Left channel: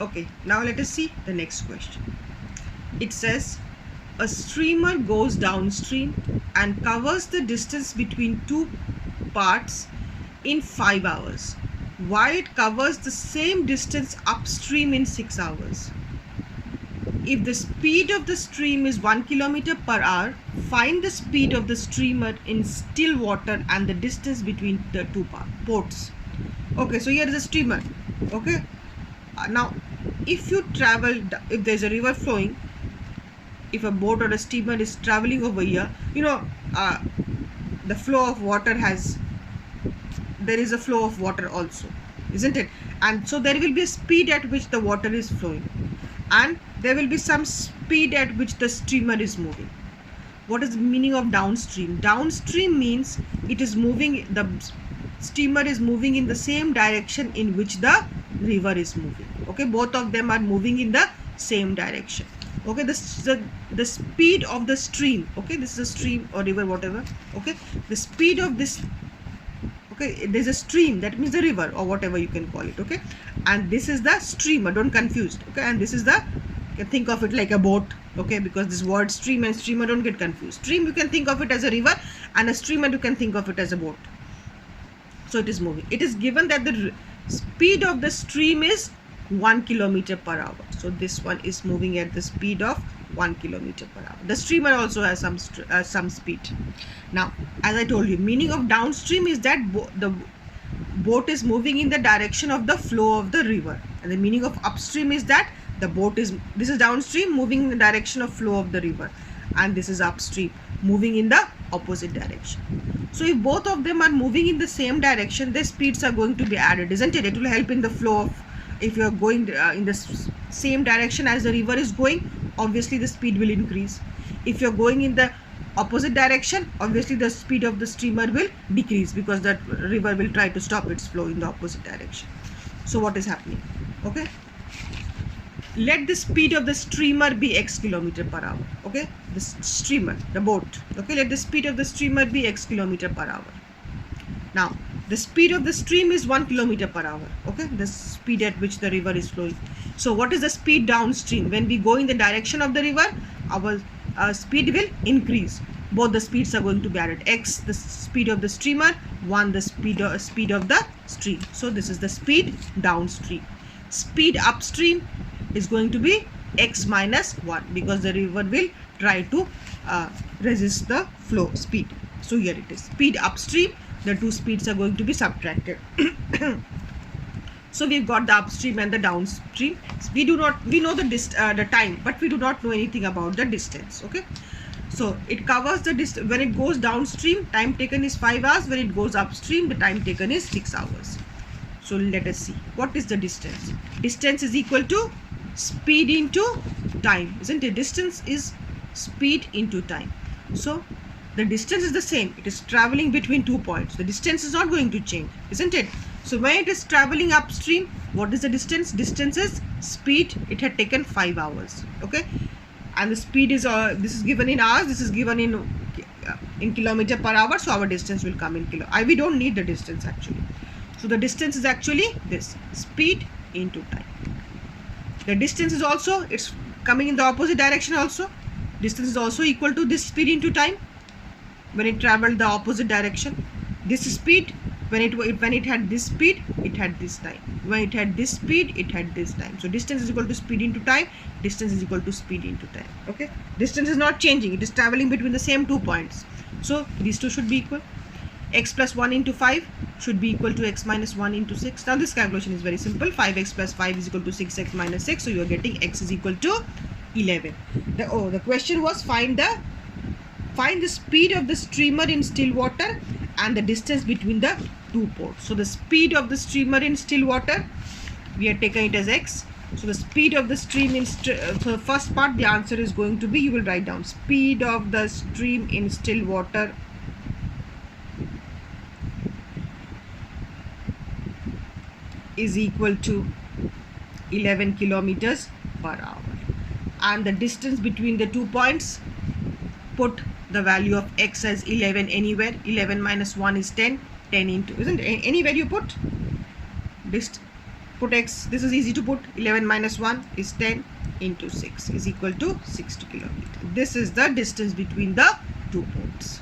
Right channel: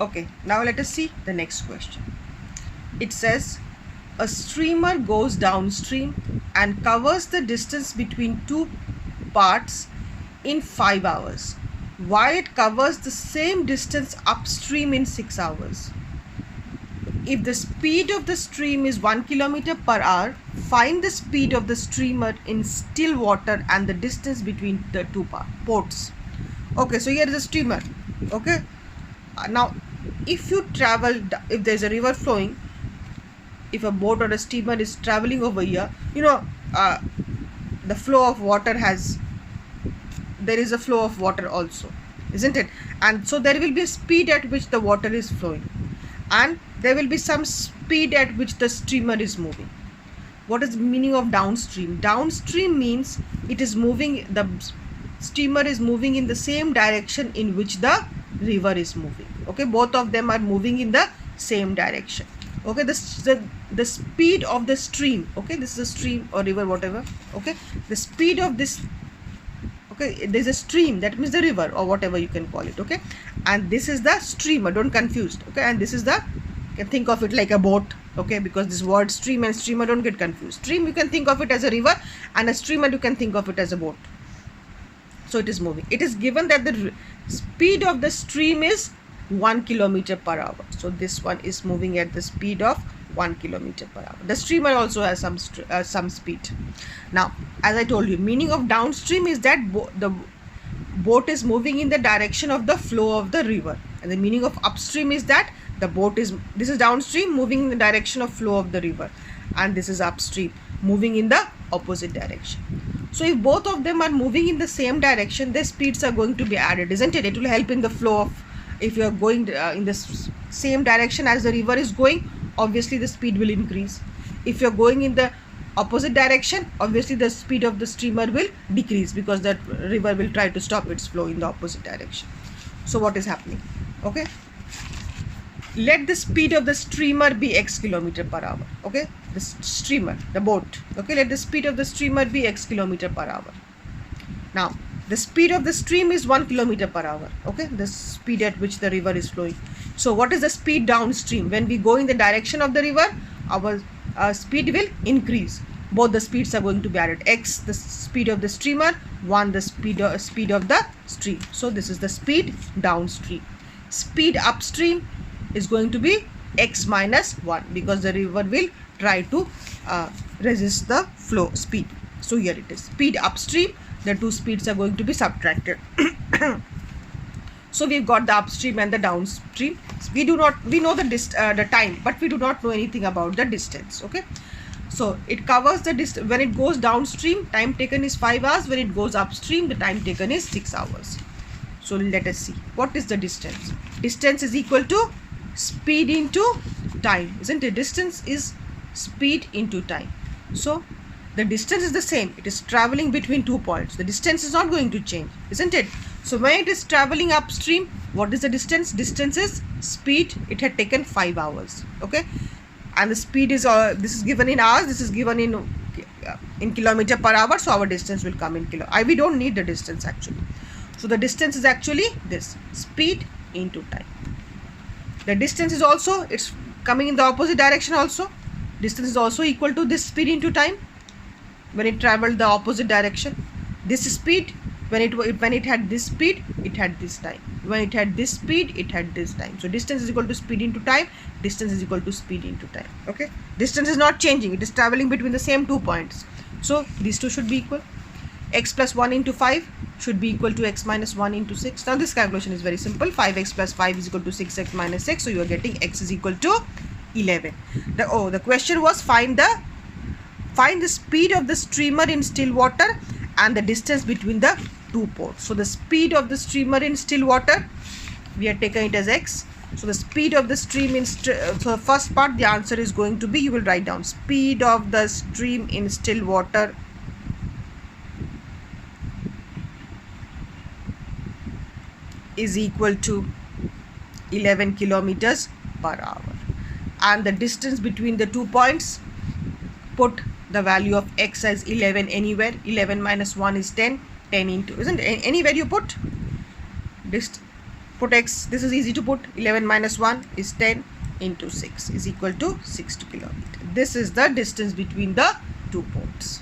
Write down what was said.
Okay, now let us see the next question. It says a streamer goes downstream and covers the distance between two parts in 5 hours, while it covers the same distance upstream in 6 hours. If the speed of the stream is 1 kilometer per hour, find the speed of the streamer in still water and the distance between the two ports. Okay, so here is a streamer. Okay, now if you travel, if there's a river flowing, if a boat or a steamer is traveling over here, the flow of water there is a flow of water also, isn't it? And so there will be a speed at which the water is flowing, and there will be some speed at which the steamer is moving. What is the meaning of downstream? Downstream means it is moving, the steamer is moving in the same direction in which the river is moving. Okay, both of them are moving in the same direction. Okay, the speed of the stream, okay, this is a stream or river, whatever. Okay, the speed of this, okay, there's a stream, that means the river or whatever you can call it. Okay, and this is the streamer, don't confuse. Okay, and this is the, you can think of it like a boat. Okay, because this word stream and streamer, don't get confused. Stream, you can think of it as a river, and a streamer, you can think of it as a boat. So it is moving. It is given that the speed of the stream is 1 kilometer per hour. So this one is moving at the speed of 1 kilometer per hour. The streamer also has some speed. Now, as I told you, meaning of downstream is that the boat is moving in the direction of the flow of the river, and the meaning of upstream is that the boat is, this is downstream, moving in the direction of flow of the river, and this is upstream, moving in the opposite direction. So if both of them are moving in the same direction, their speeds are going to be added, isn't it? It will help in the flow of, if you are going in the same direction as the river is going, obviously the speed will increase. If you are going in the opposite direction, obviously the speed of the streamer will decrease, because the river will try to stop its flow in the opposite direction. So what is happening? Okay, let the speed of the streamer be x kilometer per hour. Okay, the streamer, the boat. Okay, let the speed of the streamer be x kilometer per hour. Now the speed of the stream is 1 kilometer per hour. Okay, the speed at which the river is flowing. So what is the speed downstream? When we go in the direction of the river, our speed will increase. Both the speeds are going to be added. X, the speed of the streamer, 1, the speed of the stream. So this is the speed downstream. Speed upstream is going to be x minus 1, because the river will try to resist the flow speed. So here it is, speed upstream, the two speeds are going to be subtracted. So we've got the upstream and the downstream. We know the time, but we do not know anything about the distance. Okay, so it covers the distance. When it goes downstream, time taken is 5 hours. When it goes upstream, the time taken is 6 hours. So let us see, what is the distance? Distance is equal to speed into time, isn't it? Distance is speed into time. So the distance is the same. It is traveling between 2 points. The distance is not going to change, isn't it? So when it is traveling upstream, what is the distance? Distance is speed. It had taken 5 hours. Okay, and the speed is this is given in hours. This is given in kilometer per hour. So our distance will come in kilo. We don't need the distance actually. So the distance is actually this, speed into time. The distance is also, it's coming in the opposite direction also. Distance is also equal to this speed into time. When it traveled the opposite direction, this speed, when it had this speed, it had this time. When it had this speed, it had this time. So distance is equal to speed into time. Distance is equal to speed into time. Okay, distance is not changing. It is traveling between the same 2 points. So these two should be equal. X plus 1 into 5 should be equal to x minus 1 into 6. Now this calculation is very simple. 5x plus 5 is equal to 6x minus 6. So you are getting x is equal to 11. The question was find the speed of the streamer in still water and the distance between the two ports. So the speed of the streamer in still water, we have taken it as x. So the speed of the stream in so the first part, the answer is going to be, you will write down speed of the stream in still water is equal to 11 kilometers per hour, and the distance between the 2 points, put the value of x as 11 anywhere. 11 minus 1 is 10. 10 into, isn't it? Anywhere you put Put x, this is easy to put. 11 minus 1 is 10 into 6 is equal to 60 kilometer. This is the distance between the two ports.